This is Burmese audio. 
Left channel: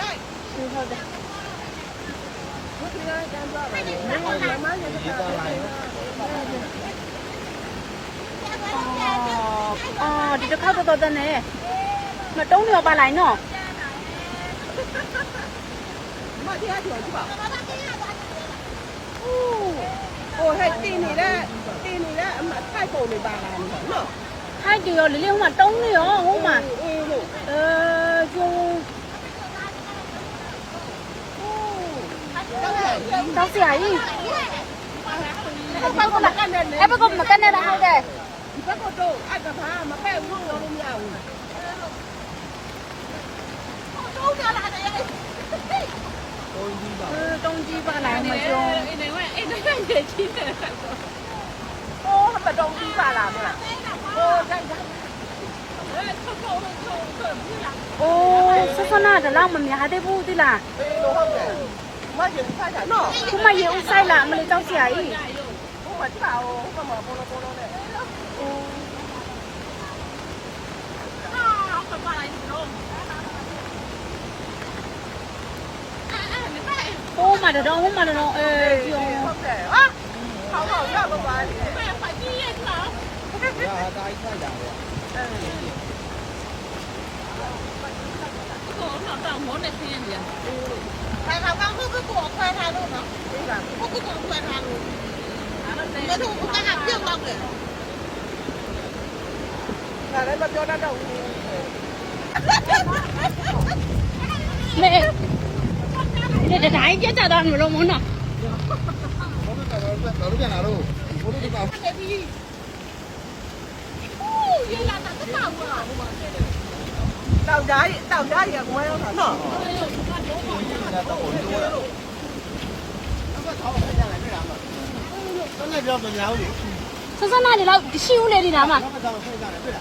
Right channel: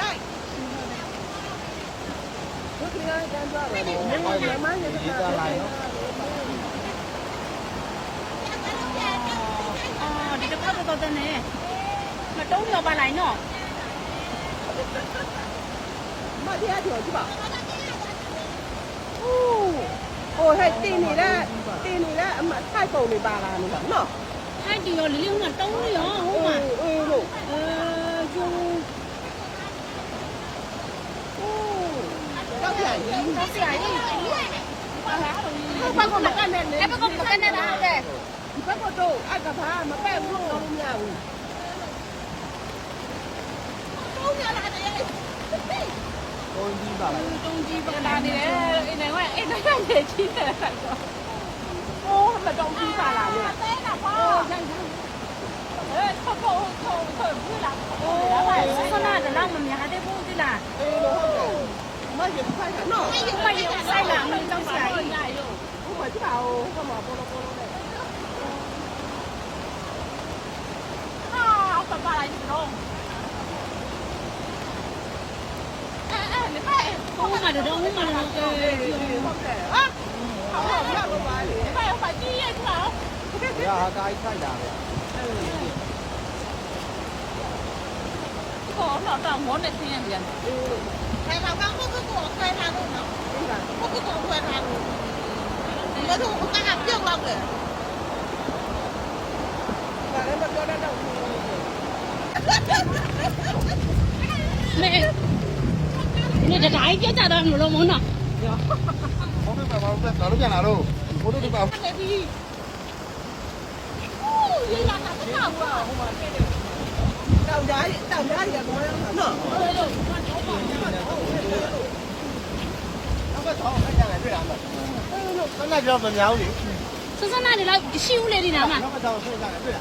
ရိုက်ဘုရားကမ်းသွားတယ်လေမမရတဲ့ကဒီတစ်ခါတော့တဲ့နဲ့မတုံးရောပါလိုက်နော်မတရားကျော်ကြည့်ပါအိုးဟဲ့တင်းနေတဲ့အမထိုက်ပုံတွေပါလာနေတာနော်ထိုက်တယ်ရောလေးလေးဟိုမှာတုံးနေရောဟိုမှာအေးလို့ကျုံတော့ပြန်တောက်စရာကြီးဘာကောမကန်နေအဲ့ဘက်ကမကန်နေတာတဲ့ဒီဘက်ကတော့အကဘာမပဲ့ဘူးလို့မရဘူးတော့ပြန်လာတယ်တုံးကြီးပါလာနေတယ်အိမ်နိုင်ငံရေကြီးတယ်ဆက်တော့မတုံးကြီးပါလာမလားဆနာတလားမများသေးဘူးဒီလားမရဆိုင်နော်မရဆိုင်လားမလေးတောက်စရာကြီးဟိုမှာကြည့်ပါဦးပပလိုက်တော့ဟိုမှာတော့ပြုံး啊，不要他一看家的。到我那天边。大家刚都是给我快餐路呢，我不给我快餐路，我都不敢别忘了。你这大一点家的没弄呢？我们哪路在哪路？我都得把。哦，原来那个大锅。到家也没有他呢。那叫什么鸟的？是那里了，西屋那里的嘛？那么早睡下来，对了。